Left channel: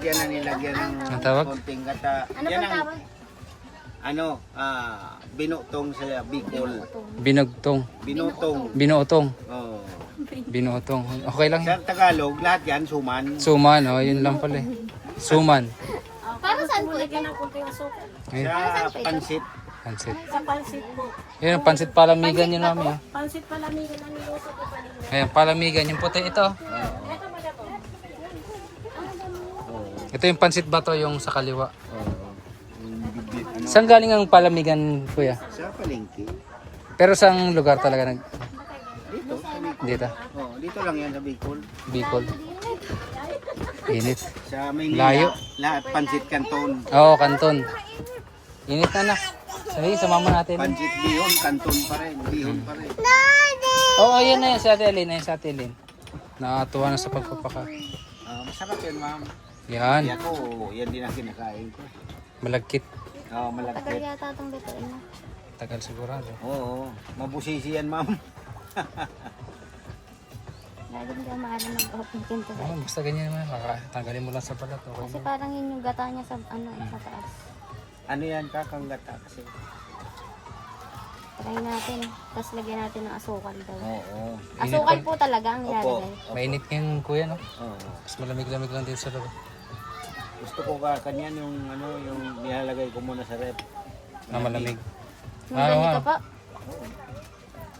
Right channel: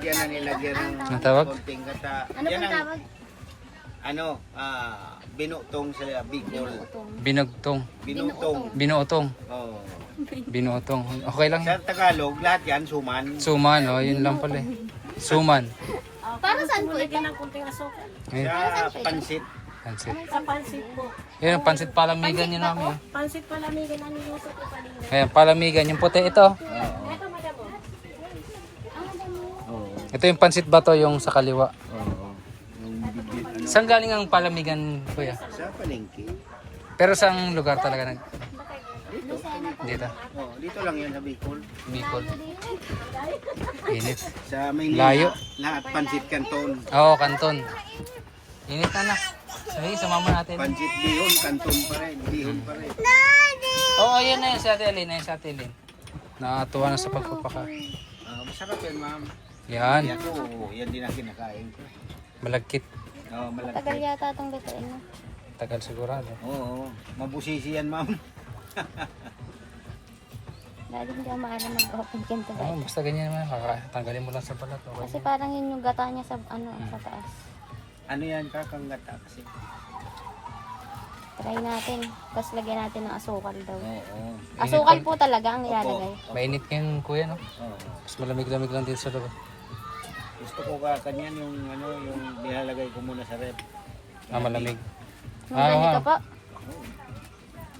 yan na nilagyan ng Ang tawag? konting gata. Ano Yan pang ang, tawag? ano, binutong sa Bicol. Binugtong. Binutong. Binuotong. Oh. Binuotong. Okay lang Sa yan. Tagalog, lahat yan, suman. Suman, oh, yun lang pala eh. Suman. Para saan po ito? Ayun, Sa pansit. pansit. Sa pansit po. Ayun, pansit palamigan yun namin. Oh. Pansit palamigan ang luto ko kanina. Ayan, palamigan. Yung puti ito. Oh. Ito yung pansit bato yung sa kaliwa. Saan galing ang palamigan, kuya? Sa palengke. Pero saang lugar talaga nag... Dito. Dito? Oh, dito lang yan sa Bicol. Bicol. Init. Sa Maynila, Layo. lahat pansit kanton. Oo, kanton. Init na na. Sige, sumama natin. Pansit bihon, kanton pa rin. Bihon pa rin. Oo, yun na yun. Si Ate Alin. Ayun si Ate Alin. Nakatuwa na sa pagpapaka. Masarap yan, ma'am. Yan. Yan ko, yan din ang kinakain ko. Malagkit. Oh, Tagal malapit. yata itong lutuin mo. Tagal sigurado. Oo, mabusisi yan, ma'am. Lagi hindi ako maalam mag-open ganito. Oh, basta ganyan naman. Tanggalin mo lang sa balat. Okay Kasi na. parang yun yung gata niya sa ano sa taas. Ano yan, kakangata kasi. Try natin. Tapos lagyan natin ng asukal daw. Oo. Asukal po talaga ang ilalagay. Mainit ngayon, kuya, no? Oo. Mas malamig-lamig lang dito sa loob. Gusto ko ka kanyan yung ano, yung nilalagay ko muna sa rep. Malamig. Magaling ka pa.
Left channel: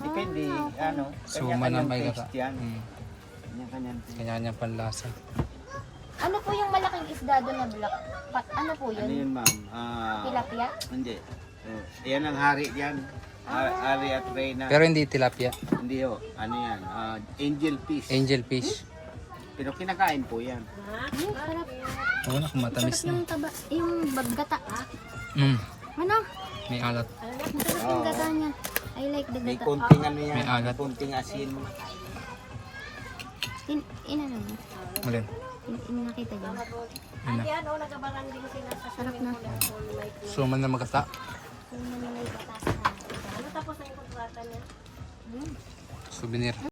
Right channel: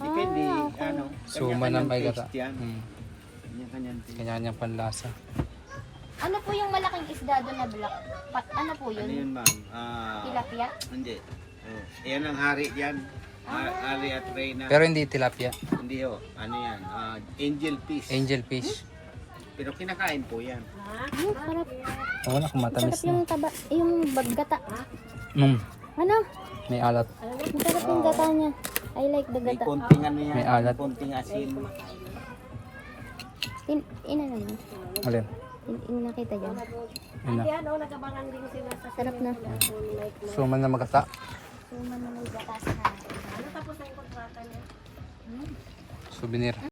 Depende, ano. Suma ng may gata. taste yan. Kanya-kanyan. Kanya-kanya panlasa. Ano po yung malaking isda doon na black? Ano po Ano yun? yun, ma'am? Tilapia? Hindi. Oh, yan ang hari dyan. Hari at Reyna. Pero hindi tilapia. Hindi ho. Ano yan? Angel fish. Angel fish. Pero kinakain po yan. Sarap. Oo na, kung matamis na. Yung taba, yung gata. Ano? May alat. Masarap yung gata niya. I like the May gata. konting ano yan. May alat. Konting asin. Inano mo? Alin? Nakita dyan. Yun na. Yan o, nagabaran din sila sa Sarap na. Suman na magata. Yung may gata sa kanila. ano tapos yung kontrata niya. Souvenir.